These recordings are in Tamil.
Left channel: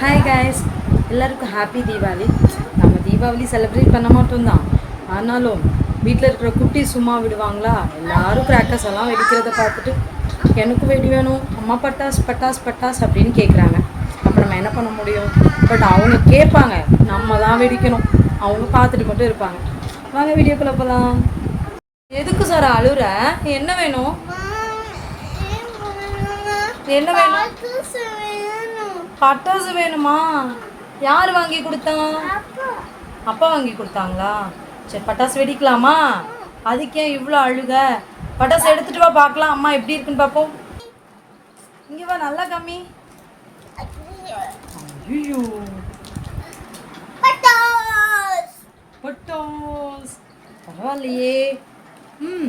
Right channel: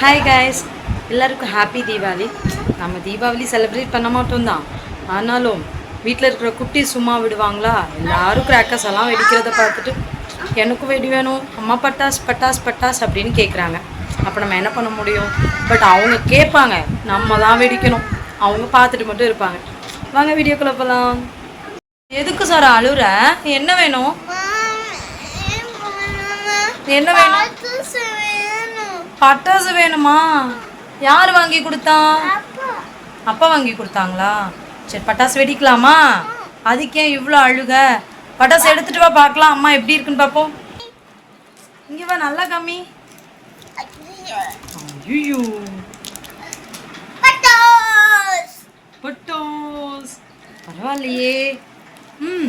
ஹாய் காய்ஸ், எல்லாருக்கும் ஹாப்பி தீபாவளி. நம்ம தீபாவளி செலிப்ரேட் பண்ண மாட்டோம் தான், ஆனாலும் வீட்டில் இருக்கிற குட்டி சும்மா விடுவாங்களா? எல்லாரும் கிராக்கர்ஸ் எல்லாம் வெடிக்கிறத பார்த்துட்டு எனக்கும் வெடி வேணும், அம்மா பட்டாஸ் பட்டாஸ் பட்டாஸ் அப்படின்னு கேட்குறாங்க. அப்போ நம்ம என்ன பண்ண முடியும்? பட் அவங்க கேட்பாங்க, நம்ம தான் வெடிக்கணும். அவங்க பார்த்துட்டு மட்டும் இருப்பாங்க. வாங்க வீடியோக்குள்ளே போகலாம். எதுக்கு சார் அழுற? என்ன வேணும்? என்ன வேணும்? பட்டாசு வேணுமா? யார் வாங்கி கொடுத்தா? அப்பா வாங்கி கொடுத்தாங்களா? சரி, பட்டாசு வெடிக்கலாமா? அதுக்கே இவ்வளோ அழுக? பட்டாசு எடுத்துட்டு வா பார்க்கலாம், அம்மா எப்படி இருக்குன்னு பார்ப்போம். இங்கே வா, நல்லா கம்மி. ஐயோ, பட்டாஸ் பரவாயில்லையே. ம்,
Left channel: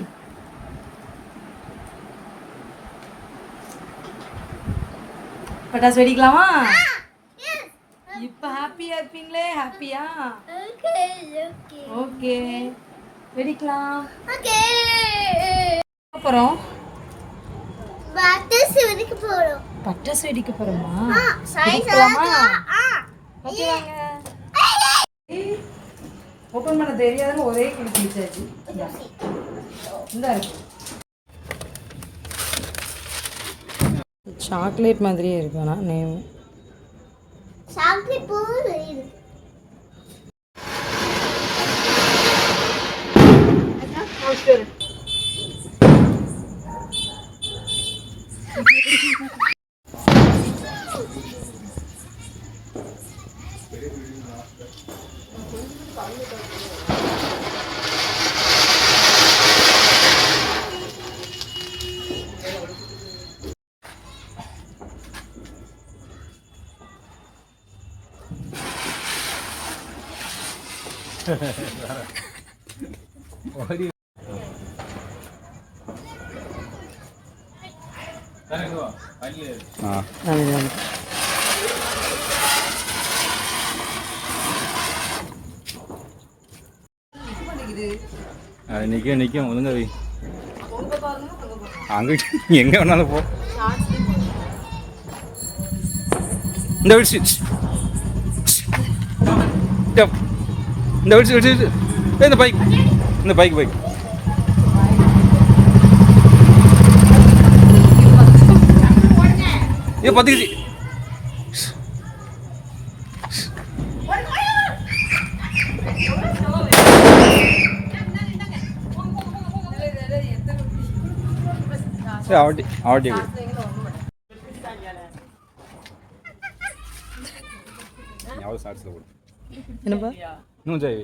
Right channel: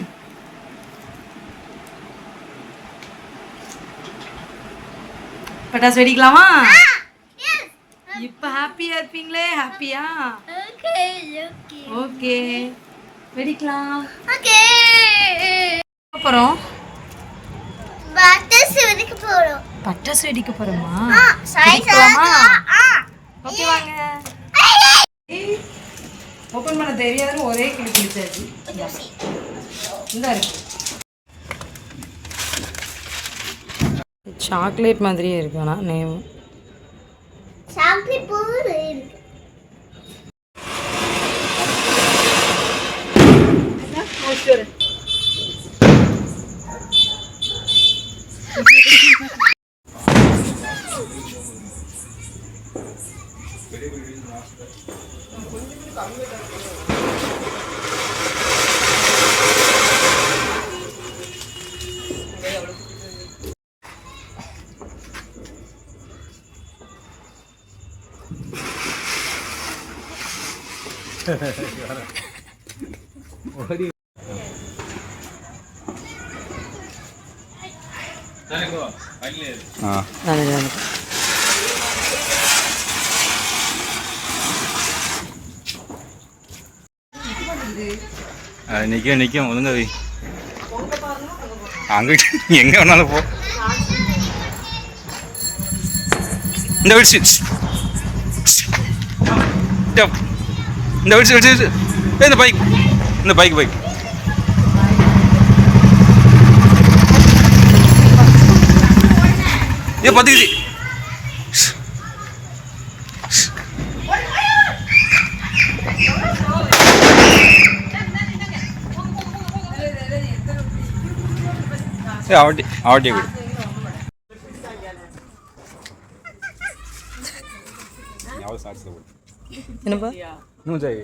பட்டாசு வெடிக்கலாமா? இப்போ ஹாப்பியா இருப்பீங்களே? ஹாப்பியா? ஓகே, வெடிக்கலாம். அப்புறம் பட்டாசு வெடிக்க போறோமா? வெடிக்கலாமா? ஓகே, வாங்க. ஓப்பன் பண்ண தெரியாதுன்னு ஒரே கிளி கிழிச்சாச்சு. இந்த இருக்கு, சாக்லேட் மாதிரியே இருக்கு. ஆனால் நேம் சாக்லேட் போல இருக்கு. நிற்கும் நிற்கும் ஒழுங்க வை. அங்கிட்டு எங்கே வேணாலும் போ. இந்த விடிச்சு இந்த விடிச்சு விடிச்சு இந்த பைக் இந்த பைக் பைக் ஏ பத்துக்குது. ஆவட்டி ஆவட்டி விடு. என்னப்பா? இன்னும் ஜெய்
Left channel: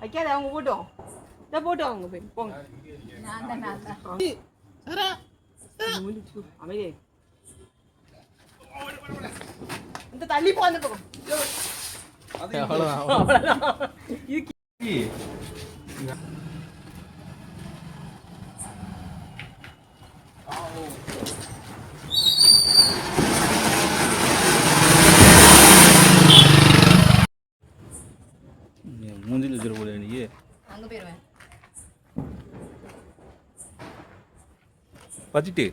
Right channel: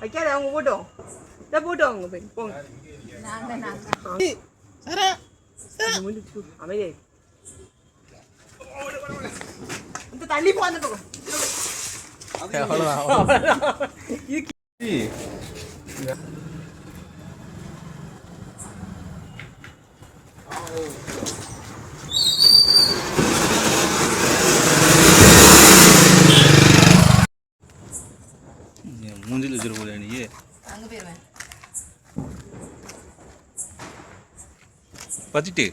வைக்காத, அவங்க போட்டோம் போட்டோம் அவங்க போய் போங்க. அமையே இந்த தண்ணி போந்துட்டோம். மூஞ்சில் வச்சிட போல நீ. அங்கே போயிடுவேன். பச்சிட்டு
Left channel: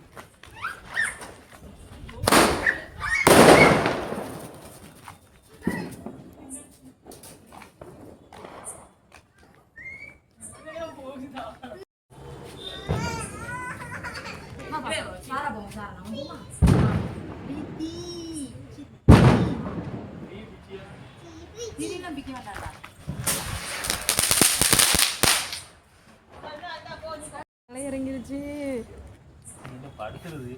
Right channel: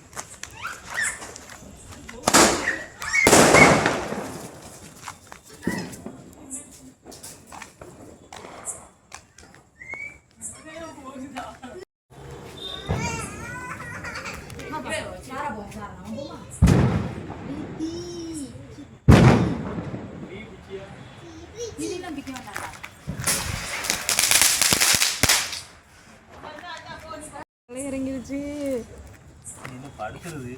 இறங்கிருச்சு. படுக்கிறது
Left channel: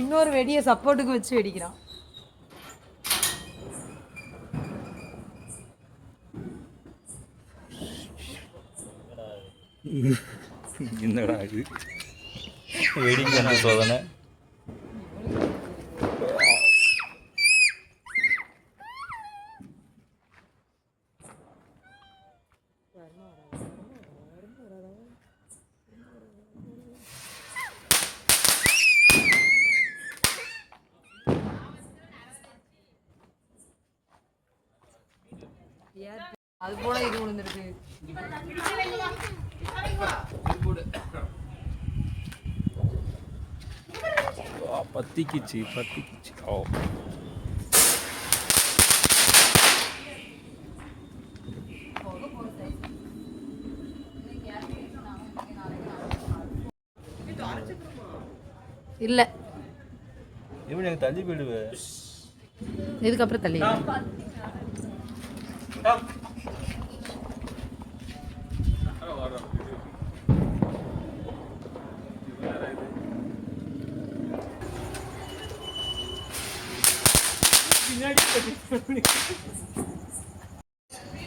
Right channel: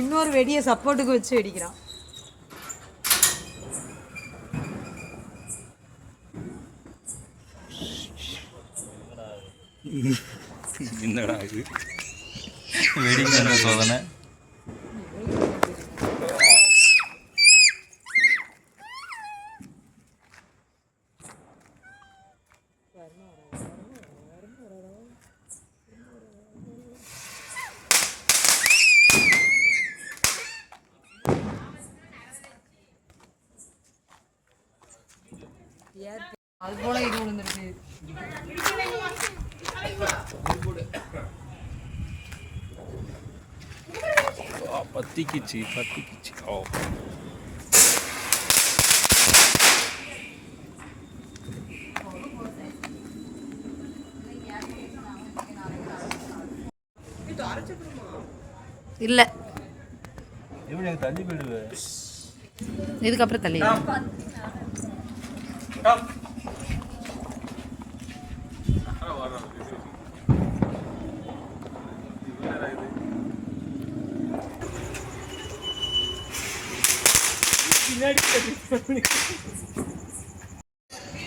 இன்னொரு வெடியை சப்போர்ட்டுக்கு வச்சு வெடிக்கிறான். என்னடா வெடிங்க சோதனை. போல இது விழுந்துருக்கு. பத்திக்கிச்சு. ஓ இல்லை எப்படி எனக்கு தள்ளி போயிடுவே. இதுக்கப்புறம் தள்ளி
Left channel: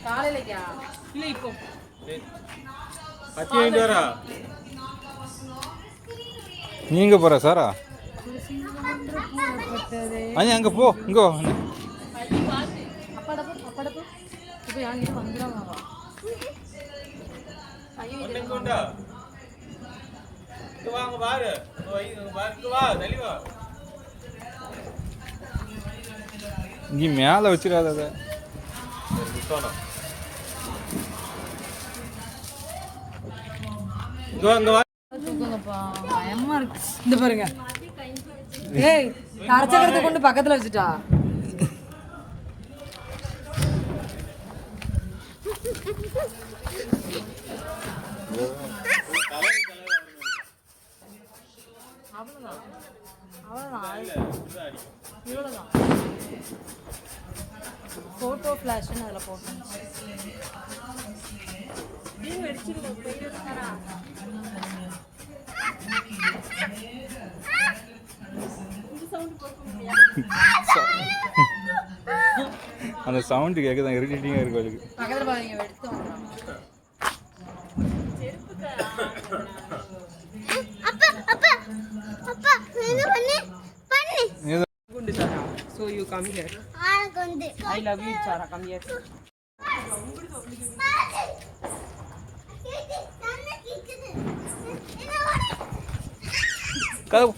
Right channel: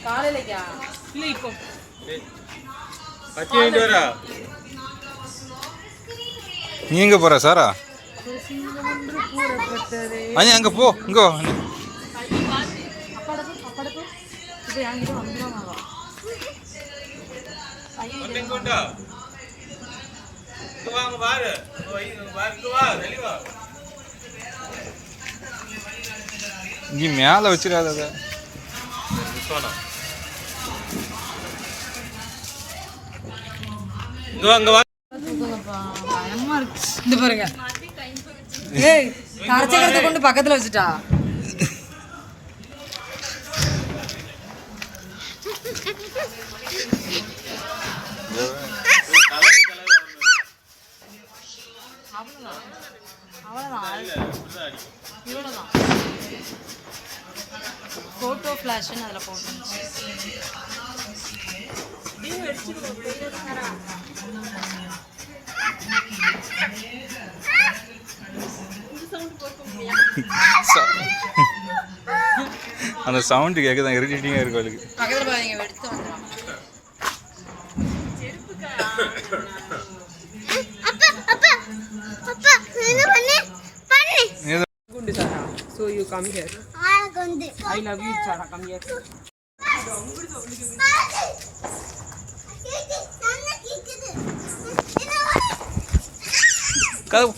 காலையிலக்கா இல்லை இப்போ கத்தி வாங்கிட்டு வரா. நீ எங்க போற சாரா? அண்ணி அங்க போ. இங்க வா அண்ணி. அப்படப்பு இது என்கிட்ட வந்துடுவாங்க. இங்க மேல வச்சிடாத. பயமா இருக்கு. இந்த பாருங்க. ஏய் கரைச்சக்கரத்தை கொண்டு பக்கத்துல வச்சுட்டா. போட்டோ ஃபிளாஷ்னு அதில் போட்டு அந்த சவுண்டு கேட்க தான் இரிட்டேட்டிங்காக இருக்கு அவளுக்கு. பக்கத்தில் பாருங்க எடுத்து வந்துடும். குண்டு சாரா. So you come here. I love you Sara. Come here. கதவு